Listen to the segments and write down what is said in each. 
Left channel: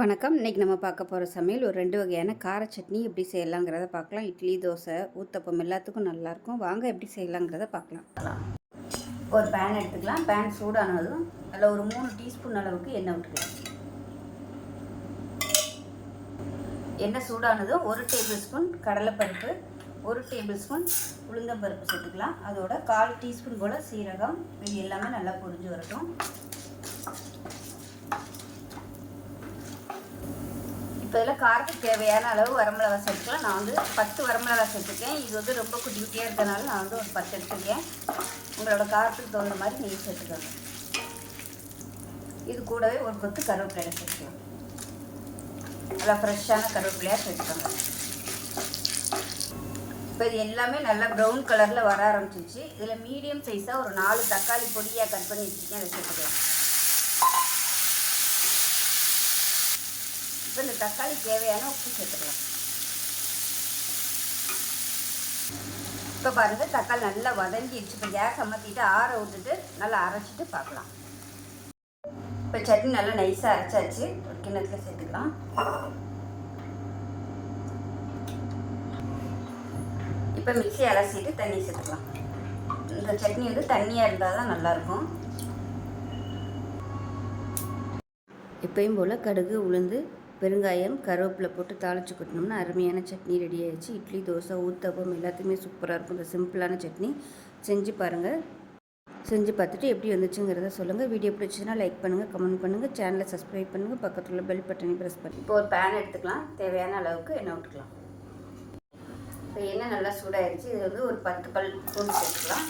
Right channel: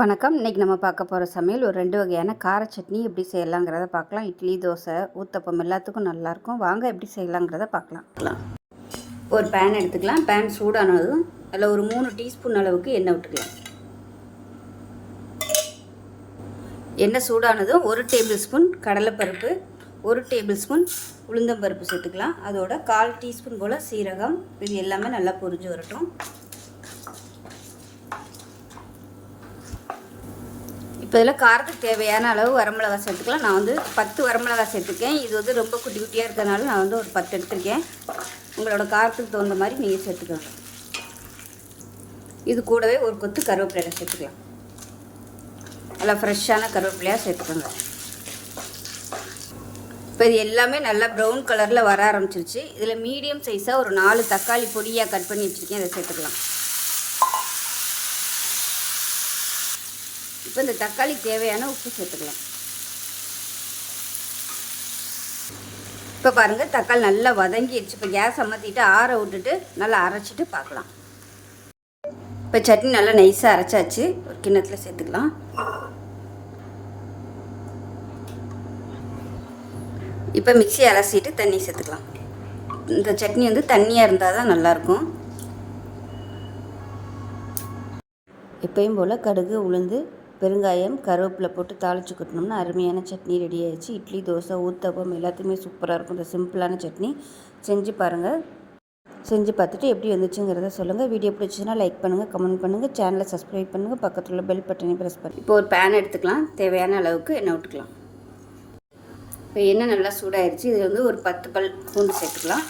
வணக்கம். இன்றைக்கி நம்ம பார்க்க போகிற சமையல் ஒரு 2 வகையான கார சட்னி எப்படி செய்யலாங்கிறத பார்க்கலாம். இட்லி, தோசை, ஊத்தப்பம் எல்லாத்துக்கும் நல்லாயிருக்கும். வாங்க எப்படி செய்யலாங்கிறத பார்க்கலாம். ஒரு பேன் எடுத்துக்கலாம். பேன் சூடானதும் அதில் ஒரு 3 டீஸ்பூன் அளவுக்கு எண்ணெய் விட்டுக்கலாம். எண்ணெய் சூடானதும் 1 டேபிள் ஸ்பூன் கடலைப்பருப்பு, 1 டேபிள் ஸ்பூன் உளுந்தம்பருப்பு சேர்த்துக்கலாம். அதோட 1/4 டீஸ்பூன் போல் சீரகம், இது எல்லாமே நல்லா பொரிஞ்சு வரட்டும். இப்போ இதில் காரத்துக்கு தேவையான அளவு வரமிளகாய் சேர்த்துக்கலாம். நான் வந்து 10 வரமிளகாய் சேர்த்துக்கேன். இது வந்து ரொம்ப குட்டி குட்டியாக இருக்கிறதுனால நான் வந்து ஒரு 10 எடுத்துருக்கேன். உங்களோட காரத்துக்கு தகுந்த மாதிரி நீங்கள் சேர்த்துக்கலாம். இது கூடவே ஒரு கொத்து கருவேப்பிலையை சேர்த்துக்கலாம். நல்லா ஃப்ரெஷ்ஷான கருவேப்பிலையாக சேர்த்துக்கோங்க. இப்போ இது எல்லாமே நல்லா ப்ரௌன் கலரில் வர ஆரம்பிச்சிருச்சு. இதில் மீடியம் சைஸாக ஒரு 4 தக்காளி பொடியாக கட் பண்ணி வச்சுருக்கேன். இதை சேர்த்துக்கலாம். இப்போ இந்த தக்காளி தேவையான உப்பு சேர்த்துக்கலாம். இப்போ பாருங்கள், தக்காளி நல்லா வதங்கிடுச்சு. இப்போ கேஸ் அமர்த்திட்டு ஆற விட்டுட்டு நல்லா அரைச்சிட்டு பார்க்கலாம். இப்போ சட்னி நல்லா நைஸாக அரைச்சாச்சு. ஒரு கிண்ணத்தில் சேர்த்துக்கலாம். இப்போ மிக்ஸி அரைச்சிட்டு தண்ணி சேர்த்துக்கலாம். இந்த சட்னி வந்து தண்ணியாக இருந்தால் தான் நல்லாயிருக்கும். எப்பயும் போல் கடுகு, உளுந்து, பெருங்காயம், கருவேப்பிலை போட்டு தாளித்து கொட்டினோம்னா அருமையான சட்னி ரெடி ஆகிடுச்சு. இட்லி, தோசை, ஊத்தப்பம் எல்லாத்துக்குமே சூப்பராக இருக்கும். இந்த சிம்பிளான சட்னி செஞ்சு பாருங்கள். செஞ்சு பார்த்துட்டு எப்படி வந்துச்சுங்கிறத சொல்லுங்கள். வீடியோ பிடிச்சிச்சுன்னா லைக் பண்ணுங்கள், கமெண்ட் பண்ணுங்கள், சேனலை சப்ஸ்கிரைப் பண்ணுங்கள், பக்கத்தில் உள்ள பெல் பட்டனை ப்ரெஸ் பண்ணி. இப்போ ஒரு பேன் எடுத்துக்கலாம். தேவையான அளவுக்கு எண்ணெய் விட்டுக்கலாம். இப்போ எண்ணெய் நல்லா சூடாகிடுச்சு. இதில் வந்து ஒரு 10 பல் பூண்டு சேர்த்துக்கலாம்.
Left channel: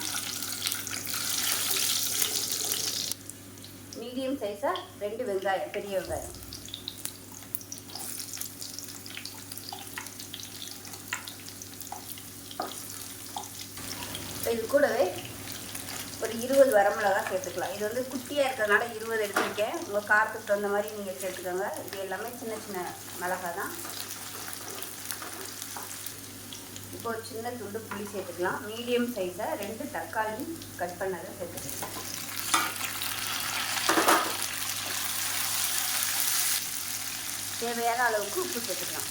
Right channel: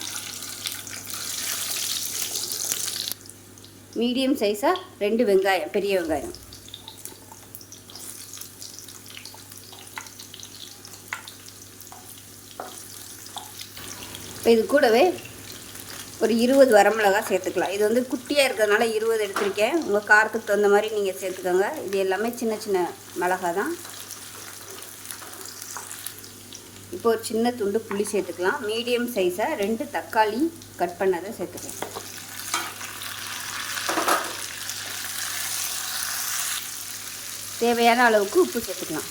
மீடியம் சைஸாக 2 வெங்காயம், பெரிய வெங்காயம். இப்போ இது கூடவே ஒரு 20 வரமிளகாய் சேர்த்துக்கலாம். இது வந்து குட்டியாக இருக்கிறதுனால 20 எடுத்துருக்கேன். உங்கள் காரத்துக்கு தகுந்த மாதிரி நீங்கள் சேர்த்துக்கோங்க. இது எல்லாமே சின்ன சின்ன மிளகாய் தான். இப்போ ஒரு சின்ன துண்டு புளி சேர்த்துக்கலாம். மீடியம் சைஸாக 2 தக்காளி கட் பண்ணதை சேர்த்துக்கலாம். தேவையான அளவுக்கு உப்பு சேர்த்துக்கலாம்.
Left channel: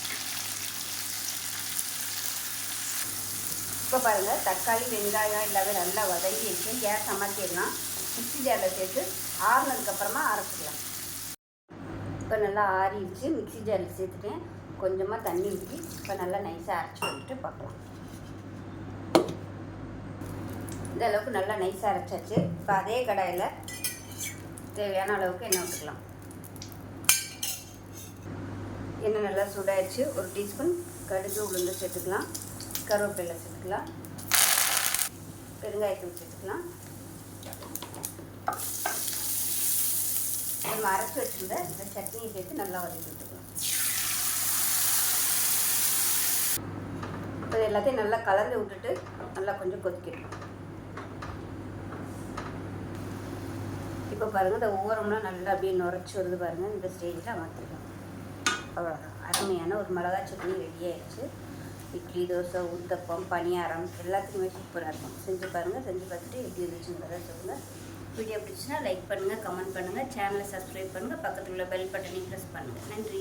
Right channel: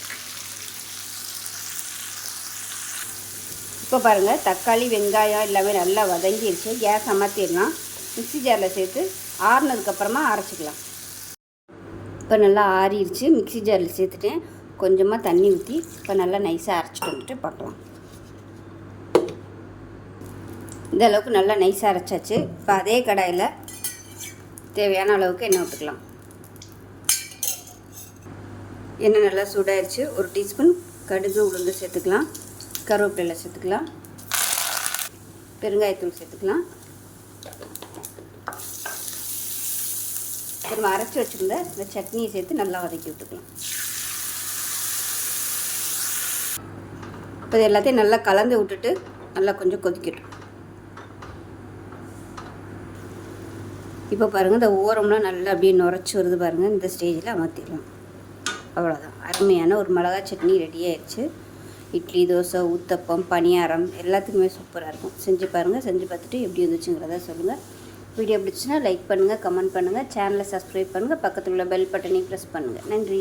இப்போ பாருங்கள், தக்காளி, வெங்காயம் எல்லாமே நல்லா வதங்கிடுச்சு. கேஸ் அமர்த்திடலாம். மிக்ஸி ஜாரில் சேர்த்து ஆறுனதுக்கப்புறமா அரைச்சிக்கலாம். இப்போ நல்லா ஆறிடுச்சு. மிக்ஸி ஜாரில் சேர்த்துட்டேன். கொஞ்சமாக தண்ணி ஊற்றி இப்போ நல்லா நைஸாக அரைச்சி வந்துட்டு பார்க்கலாம். இந்த அளவுக்கு நல்லா நைஸாக அரைச்சாச்சு. இப்போ அதே கடாயில் தேவையான அளவுக்கு எண்ணெய் விட்டுக்கலாம். எண்ணெய் நல்லா சூடாயிடுச்சு. ஒரு டீஸ்பூன் கடுகு, உளுந்து சேர்த்துக்கலாம். கருவேப்பிலை சேர்த்துக்கலாம். பெருங்காயத்தூள் சேர்த்துக்கலாம். நம்ம அரைச்சி வச்சுருந்த இந்த சட்னியை சேர்த்து நல்லா வதக்கி விட்டுக்கலாம். இப்போ எல்லாத்தையும் நல்லா கலந்து விட்டுட்டு நல்லா கொஞ்சம் கொதிக்கட்டும். இப்போ பாருங்கள், இந்த ஓரம்லாம் நல்லா அப்படியே நுரைச்சி வருது பாருங்கள். இந்த ஸ்டேஜில் அமர்த்திடலாம். அவ்வளோதான், அருமையான ஒரு மிளகாய் சட்னி ரெடி ஆயிடுச்சு. இட்லி, தோசை, ஊத்தப்பம், பணியாரம் எல்லாத்துக்குமே சூப்பராக இருக்கும். செஞ்சு பாருங்கள். செஞ்சு பார்த்துட்டு எப்படி இருந்துச்சுங்கிறத சொல்லுங்கள். வீடியோ பிடிச்சுன்னா லைக் பண்ணுங்கள், கமெண்ட் பண்ணுங்கள், சேனலை சப்ஸ்கிரைப் பண்ணுங்கள், பக்கத்தில் உள்ள பெல் பட்டனை ப்ரெஸ் பண்ணுங்கள். நன்றி.